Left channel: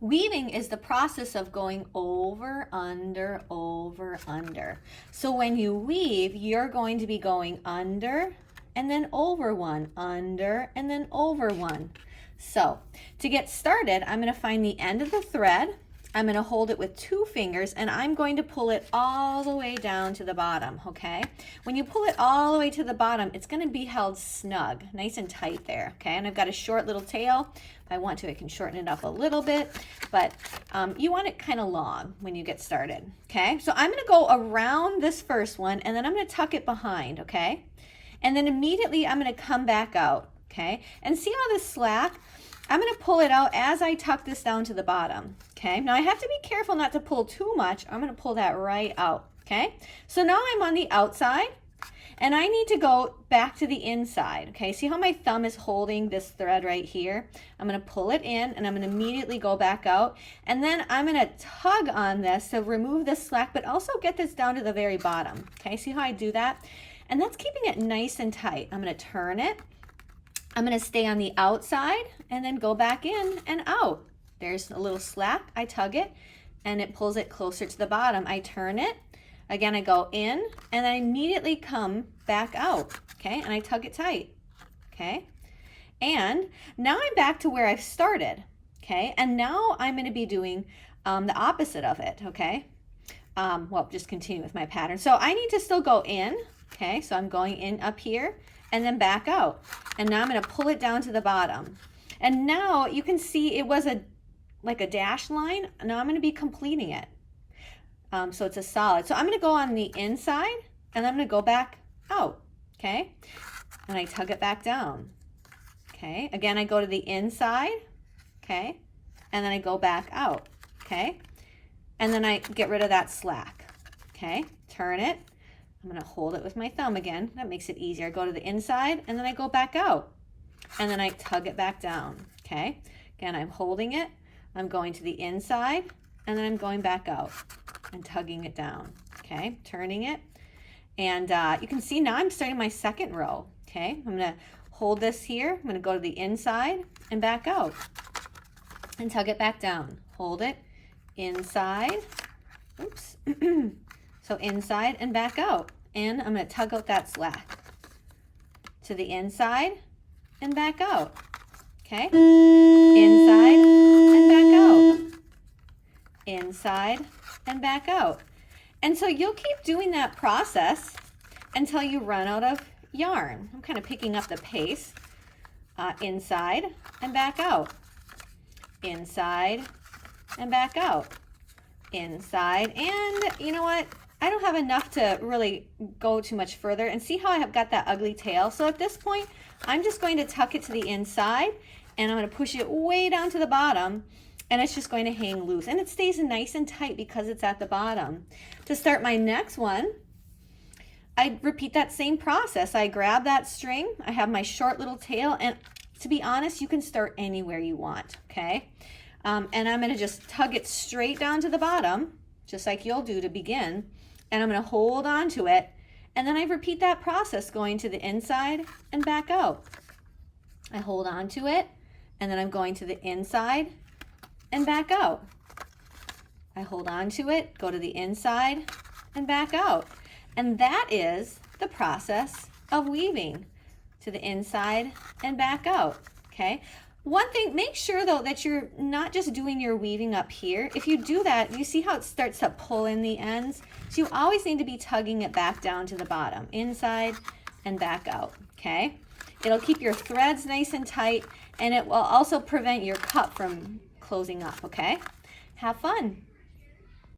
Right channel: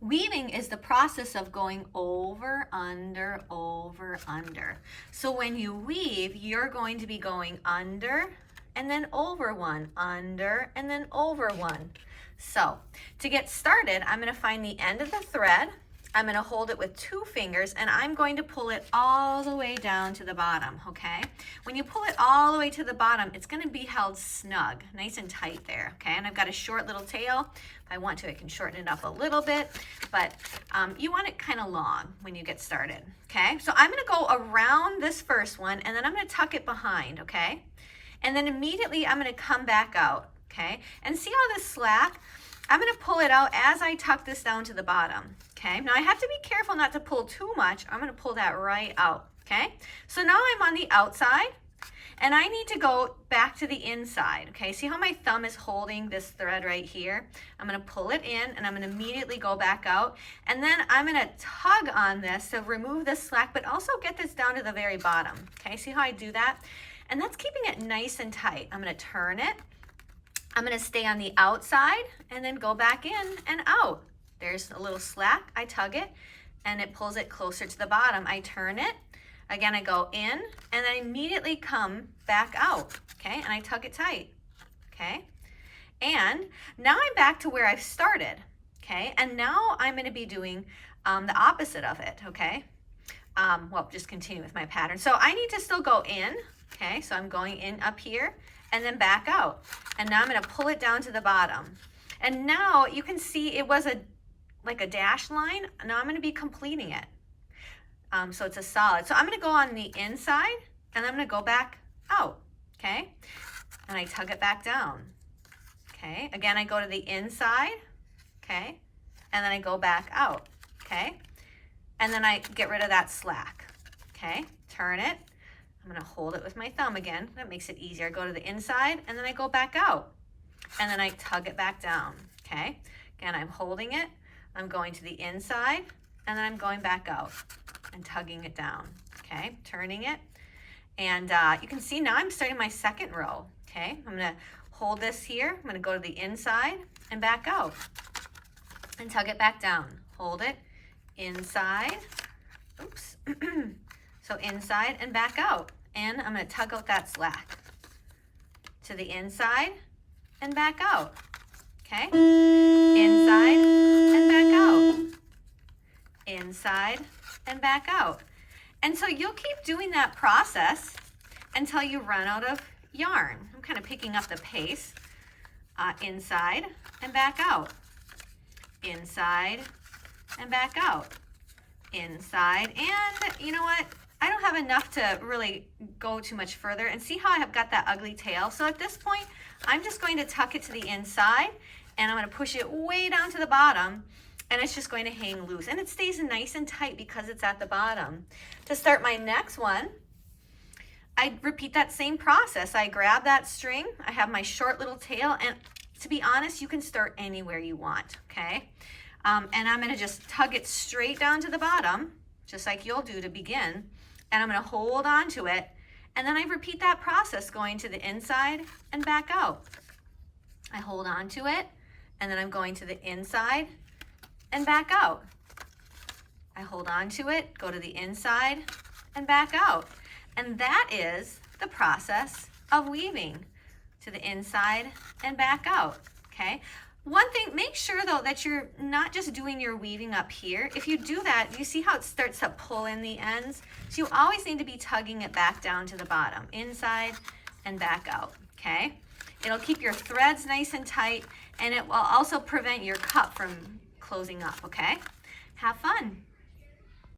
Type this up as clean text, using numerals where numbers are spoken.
Weaving is the process of going over, under, over, under. So when you weave, you're going to be going under and then over one, under and then over one. So to get started, I'm going to find the end of the thread. I'm going to hold it with 2 fingers and I'm going to pull it all the way down to the bottom, okay? When you pull it all the way to the bottom, it's going to be held snug, nice and tight there, okay? And I've got a short little tail. If I want to, I can shorten it up a little bit, but you want it kind of long when you get started, okay? So I'm going to go around this first one and then I'm going to tuck it behind, okay? And then immediately I'm going to come back out, okay? And see all this slack? I'm going to pull it out as I tuck this down to the bottom, okay? Now I have to be careful not to pull too much. I'm going to pull that right out, okay? So now I'm on the outside and I need to go back to the inside, okay? See how my thumb is holding this thread right here? I'm going to pull it in and I'm going to immediately go back out and then I'm going to tug on this to remove the slack but also get this down to the very bottom, okay? See how I do that? And that's keeping it nice and tight. I'm going to turn it. I'm going to stay on the outside and then go back in and out. There's a little slack. I tug it and it pulls it closer to the bottom. I turn it. Again, I go in and I immediately come back out, okay? And I tug it tight, okay? And now I'm back to where I've started, okay? And now I'm going to be doing the opposite of it, okay? Well, just continue with my pattern. So I need to still go in, okay? So I'm going in up here and then back out. And now I'm going to pull it down to the bottom. And now you can see it was like a dash line. Now I'm going to be completing it. So it's a solid. So I'm going to go on the inside and I'm going to go back out, okay? And I tug it back down, okay? Again, I go to the inside, okay? And then I go back out, okay? And then I get rid of that slack, okay? Turn it. I'm going to hold it with my thumb again. That makes it easier. I go to the inside and then I go back out and then I tug it back down, okay? Again, I'm holding it. I'm going to the inside and then I'm going back out and tugging it down, okay? Turning it. And you can see now I'm starting my second row, okay? I'm going to hold this here. I'm going to go to the inside and back out and tug it back down. Hold it inside. Oops. So inside and back out. And I'm going to tug out that slack to the inside and back out. Okay? Inside and back out. Inside and back out. And so you'll keep doing that process until you run out of yarn. I'm kind of picking up the pace. Inside and back out. Inside and back out. Inside. And you know what? I don't have enough to really go too much further. And see how I have got that ugly tail? So at this point, I'm just going to tuck it to the inside and I'm going to push it way down to the bottom and it's just going to hang loose. And it stays nice and tight because it's at the bottom. To start my next one, I repeat that same process. I grab that string, I have my short little tail, and to be honest, you can start anywhere you want, okay? And I'm going to just tug it straight down to the bottom, just like you'll do to begin. And I'm going to hold on to it. And then I repeat that process going to the inside and back out. I hold on to it. And then I'm going to the inside and back out. I hold on to it, go to the inside and back out. And that is the process of weaving, to the inside and back out, okay? One thing, make sure though that you're not just doing your weaving up here. If you do that, you see how it starts to pull in the ends? So you always need to be tugging it back down to the bottom, inside and back out, okay? It'll keep your threads nice and tight and it will also prevent your cup from closing up, okay? Have fun.